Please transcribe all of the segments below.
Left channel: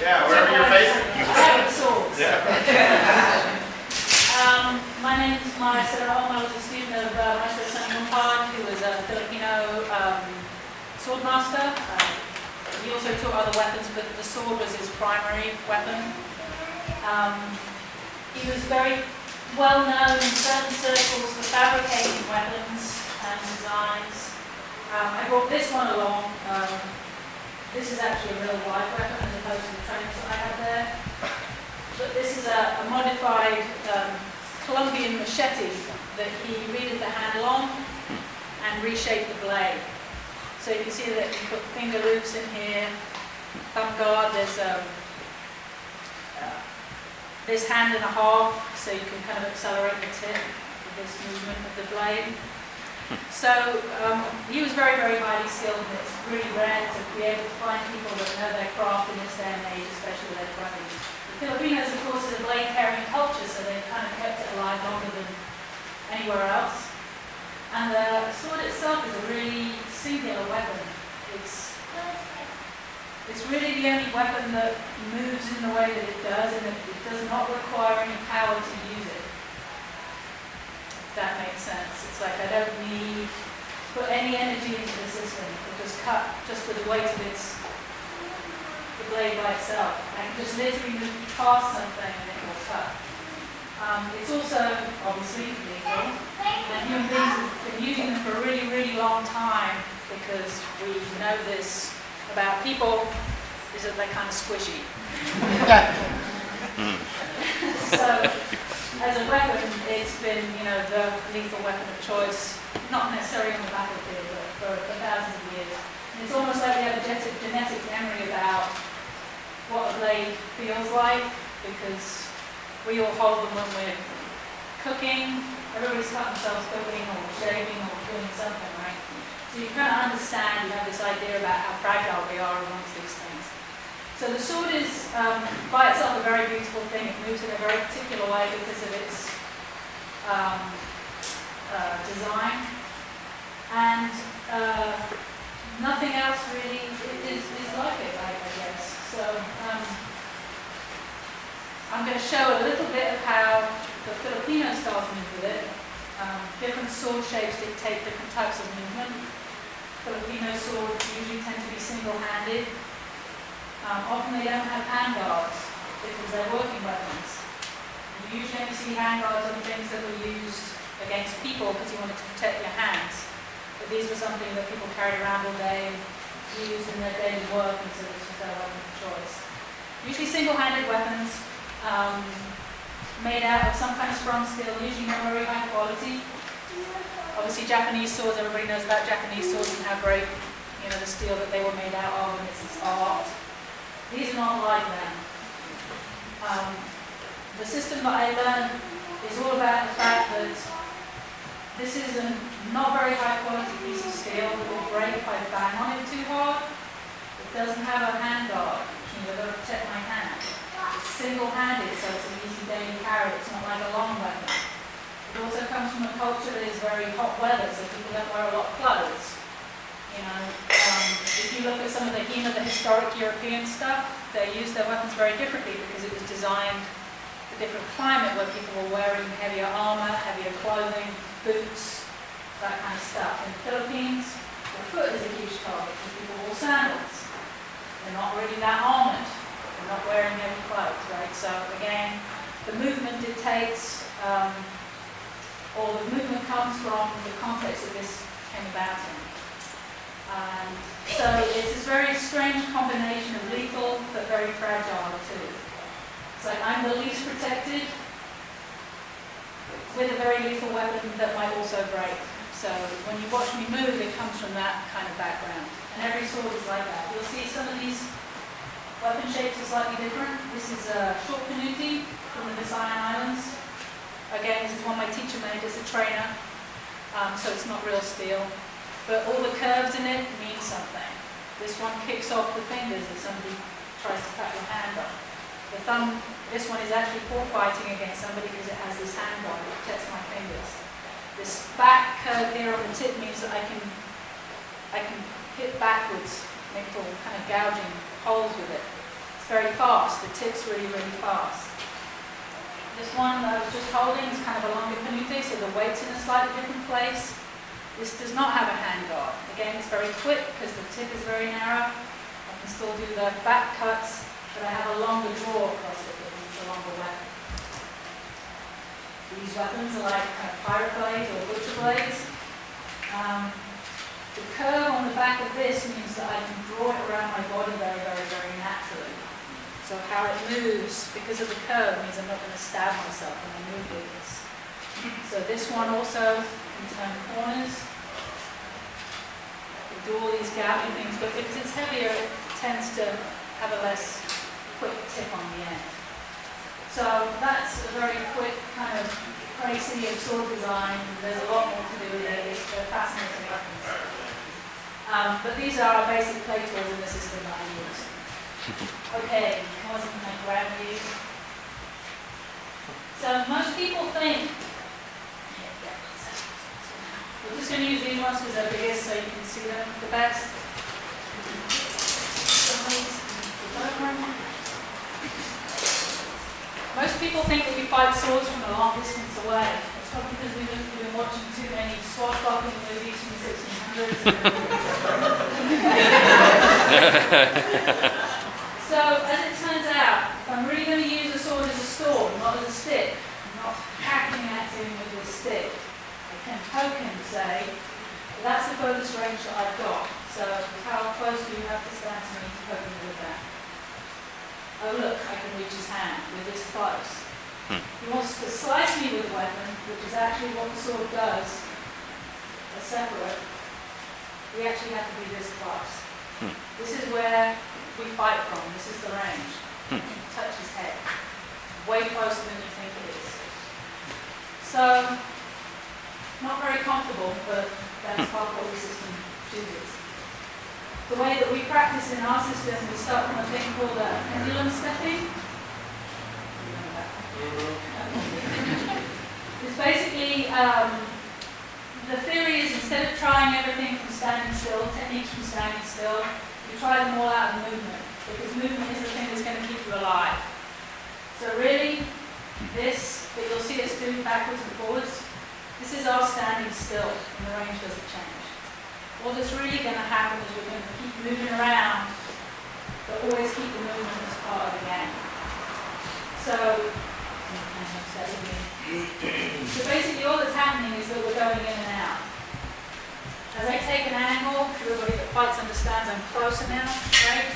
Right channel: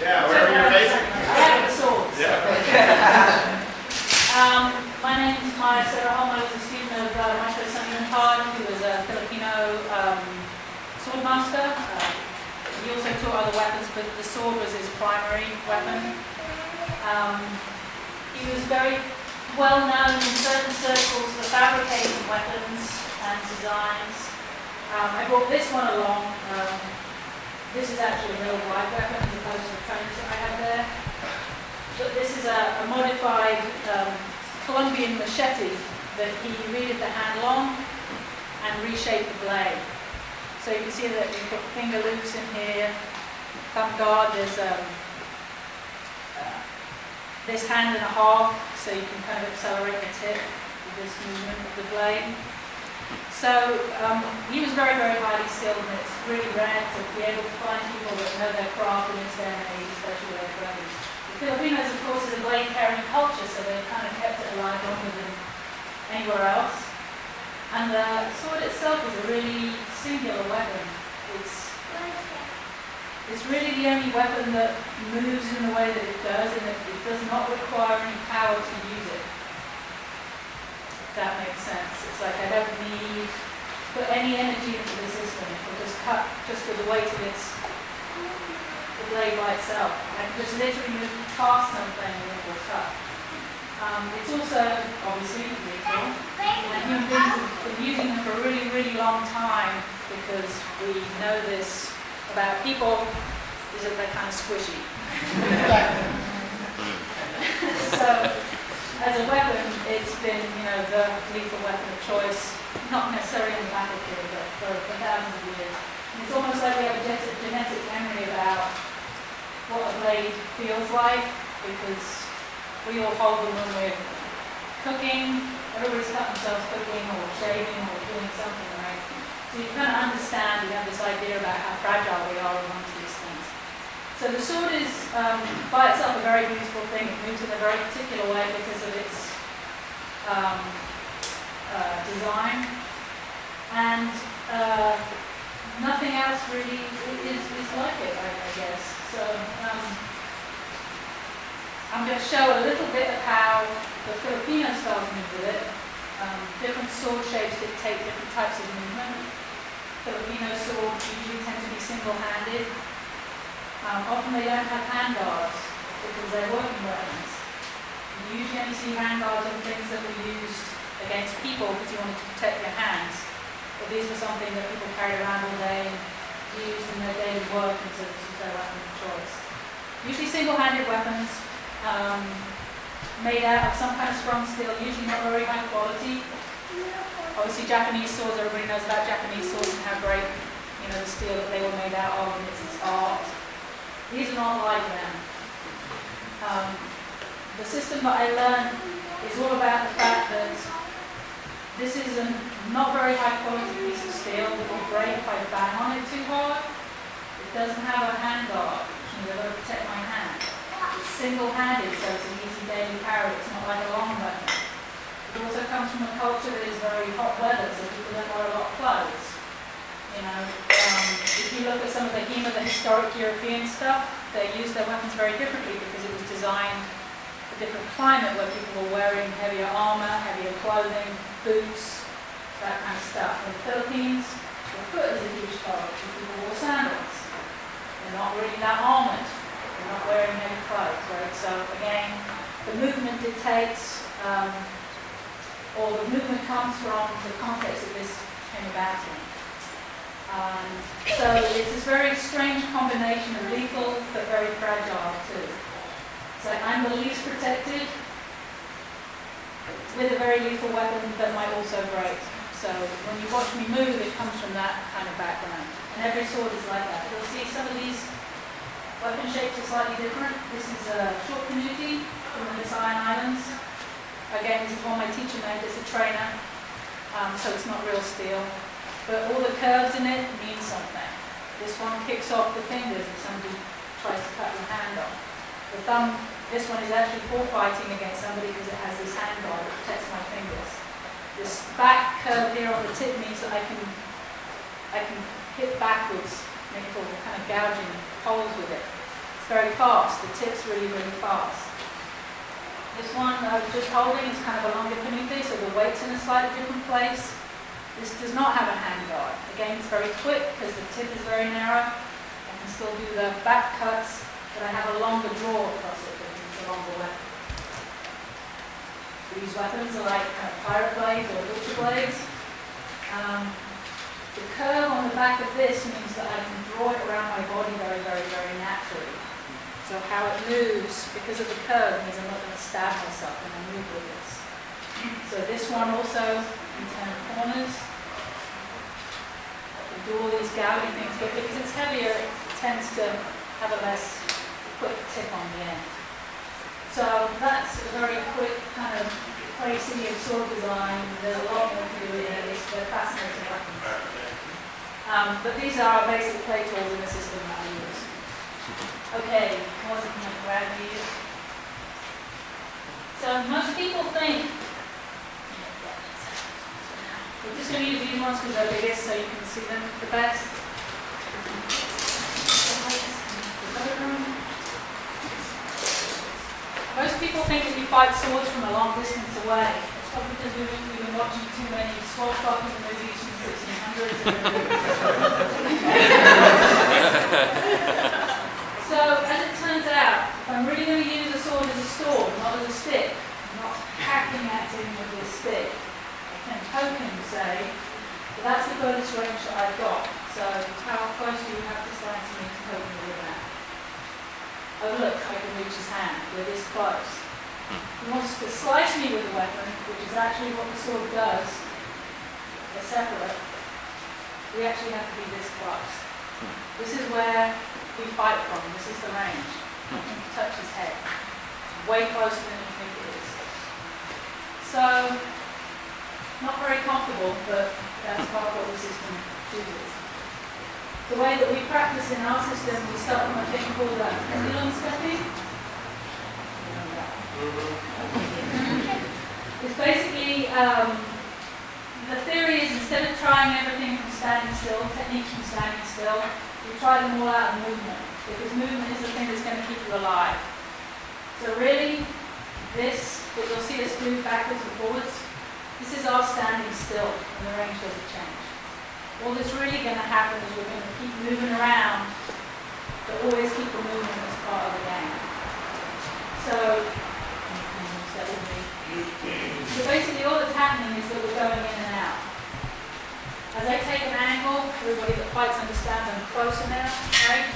Yeah, wherever you're facing. I have the swords. Yeah. My name is Maya Sederholm. I was a student of Maestro Sonny Mumpad, who was a Filipino swordmaster. He also taught other weapons, but the sword was his primary weapon. He was very well known in certain circles for fabricating weapons and designs. I brought this one along. This is actually a real live weapon as opposed to the trainers that I have there. But this is a modified Colombian machete that he redid the handle on and reshaped the blade. So you can see that you put finger loops in here, thumb guard, there's this hand and a half, so you can kind of accelerate the tip with this movement of the blade. So he was very, very highly skilled, and it's really rare to be able to find people that know their craft in this day and age, especially with their friends. The Filipinos, of course, is a blade-carrying culture, so they've kind of kept it alive longer than anywhere else. And the sword itself is a really singular weapon. It's really the only weapon that moves in the way that it does, and that it does not require any power to use it. If that makes sense. It's like I don't need to put any energy into the system. It'll just cut just with the weight of the blade by itself. I can just literally move past something and it will cut. It's also obviously lethal, and human beings have been using them for a really, really long time because we know this about people, is that they're kind of squishy. So, as a weapon, it's been, the lethal weapon of choice, not necessarily on the battlefield, but for thousands of years. And it's almost like we have a genetic memory about what a blade feels like, because we all hold them when we're cooking. Everybody's cut themselves cooking or shaving or doing something, right? So you kind of understand, you have this idea about how fragile we are amongst these things. So the sword is, by itself, a very beautiful thing. It moves in a very particular way because of its design. And nothing else really is like it, I guess. So I'm going to show a little bit of how the Filipino styles move with it. Different sword shapes dictate different types of movement. Filipino swords usually tend to be single-handed. Often they don't have handguards because they're working weapons. You usually only see handguards on things that were used against people because you wanted to protect your hands. But these were something that people carried around all day and used in their daily work, and so this was their weapon of choice. Usually single-handed weapons, made out of some kind of sprung steel, usually not very high quality. Obviously Japanese swords, everybody knows about Japanese swords and how great, the steel that they were made out of, and it's this art. These are not like them. The system that I learned is all about the fact that this is a not very high quality piece of steel that will break if I bang on it too hard. It doesn't have a hand guard, which means I've got to protect my hand. It's single-handed, so it's an easy daily carry. It's not like a long weapon. It also comes from a culture that is very hot weather, so people don't wear a lot of clothes. If you look at some of the historic European stuff, they use their weapons very differently because it was designed for different climate where people were wearing heavier armor, heavier clothing, boots, that kind of stuff. In the Philippines, the foot is a huge target because people wore sandals. They're not really that armored. They're not wearing heavy clothes, right? So again, the movement dictates, or the movement comes from the context that this came about in. So it's this very strange combination of lethal but very fragile too. It's like I'm the least protected with a very lethal weapon that might also break. So when you watch me move, it comes from that kind of background. And every sword is like that. You'll see some of these weapon shapes are slightly different. This is a short canuti from the Visayan Islands. Again, this is one my teacher made as a trainer, so it's not real steel. But all the curves in it mean something. This one kicks off the fingers if somebody tries to cut your hand off. The thumb, this one is actually for fighting against somebody because it has this hand guard that protects my fingers. This back curve here on the tip means that I can hit backwards, make little kind of gouging holes with it. It's very fast. The tip's really, really fast. This one that I was just holding is kind of a longer panute, so the weight's in a slightly different place. This does not have a hand guard. Again, it's very quick because the tip is very narrow. I can still do the back cuts, but I have a longer draw across it because it's a longer weapon. These weapons are like kind of pirate blades or butcher blades. The curve on the back of this means that I can draw it around my body very, very, very naturally. So how it moves, because of the curve, means I'm not going to stab myself when I move with this. So this one also can turn corners. I can do all these gouging things, but because it's heavier, it tends to have a less quick tip on the end. So that's a very quick kind of crazy of sword design. There's a lot more to do with it. They're fascinating weapons. But these are our basic play tools in the system that I use. Okay, what can I grab you? So most people think, we're just going to use these ones because they're biggest so you can see them the best. Most people think that you fight swords from a long distance away. It's probably because we've been watching too many swashbuckling movies from the 1600s. So, as it turns out, if I'm really going to use a sword as a sword, not as a stick, I'm not hacking at him with this stick, I can poke him, say, but that's the furthest range that I've got. So, how close do you have to stand to me to poke me with that? Oh look, I can reach his hand. We're this close. He wants to slice me with the weapon, which is actually what the sword does. They're separate. We actually have to be this close. This is where we fight from. This is the range. I can touch his head. It's way closer than you think it is. So, not very comfortable, but that's part of what the system chooses. The way that we practice in our system, we start from a thing called pendulum stepping. It's basically, the theory is instead of trying everything from standing still, techniques from standing still, we try them all out of movement, because movement is the thing that's going to keep you alive. So really, this, what you'll see us do backwards and forwards, this is our standing still, and the range doesn't change. All that's really going to happen is we're going to keep moving around, but always keep the movement as part of the game. So, basically all that's happening is that we're going in and out. As I take an angle, everybody that fights understands I'm closer now, right?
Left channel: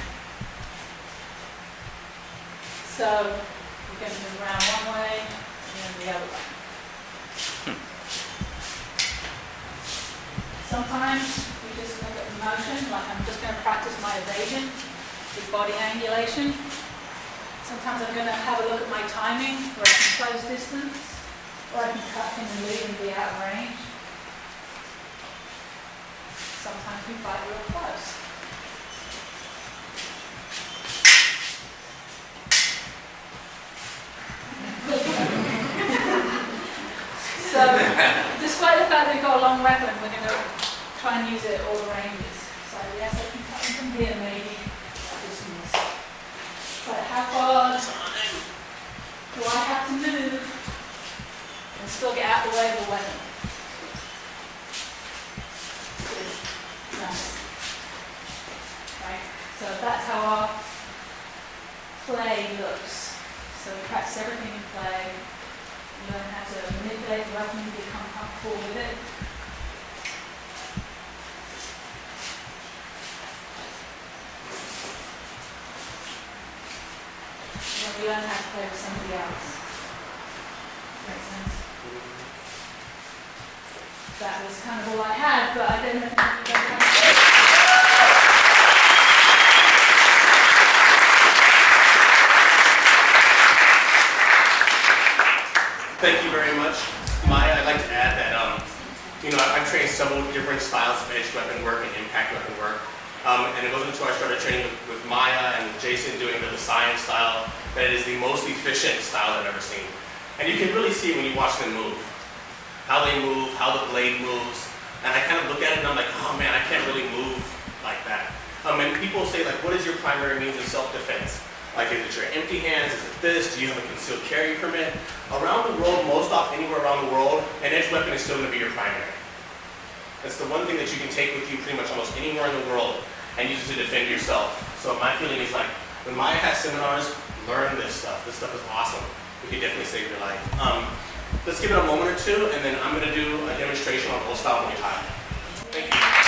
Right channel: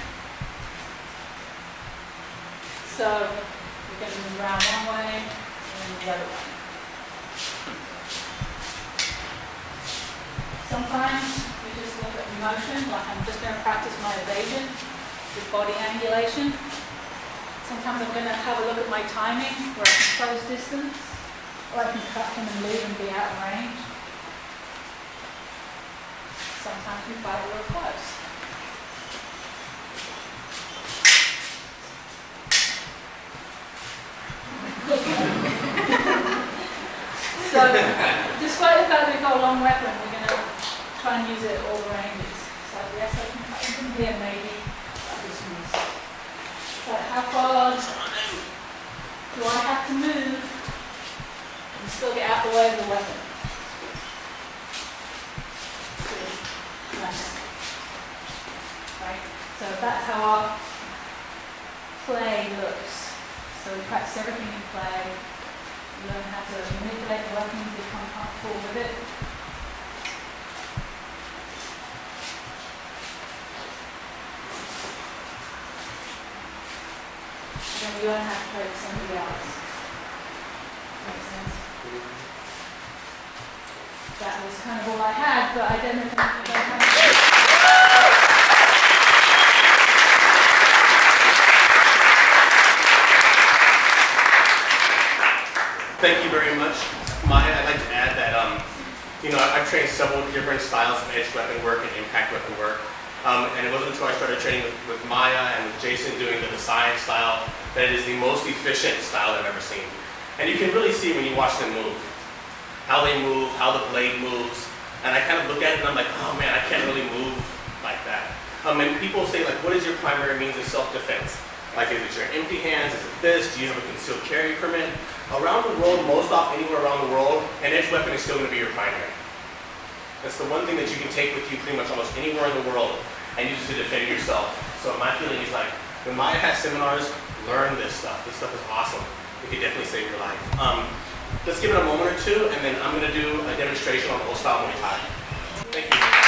So, we're going to move around one way and then the other way. Sometimes we just look at motion, like I'm just going to practice my evasion with body angulation. Sometimes I'm going to have a look at my timing, where I can close distance, or I can cut him and leave and be out of range. Sometimes we fight real close. So, despite the fact that we've got a long weapon, we're going to try and use it at all the ranges. So yes, I can cut him from here maybe, distance. But how far do I have to move and still get out of the way of the weapon? Nice. Right? So that's how our play looks. So we practice everything in play. Learn how to manipulate the weapon, become comfortable with it. And then we learn how to play with somebody else. Makes sense? That was kind of all I had, but I don't know if you don't have Thank you very much, Maya. I'd like to add that, I've trained several different styles of edged weapon work and impact weapon work. And it wasn't until I started training with Maya and with Jason doing the science style that it is the most efficient style I've ever seen. And you can really see when you watch them move. How they move, how the blade moves. And I kind of look at it and I'm like, oh man, I can't really move like that. And people say like, what is your primary means of self-defense? Like, is it your empty hands? Is it this? Do you have a concealed carry permit? Around the world, most often anywhere around the world, an edge weapon is still going to be your primary. That's the one thing that you can take with you pretty much almost anywhere in the world and use it to defend yourself. So my feeling is like, when Maya has seminars, learn this stuff. This stuff is awesome. It could definitely save your life. Let's give it a moment or two, and then I'm going to do a demonstration on old style Muay Thai. Thank you.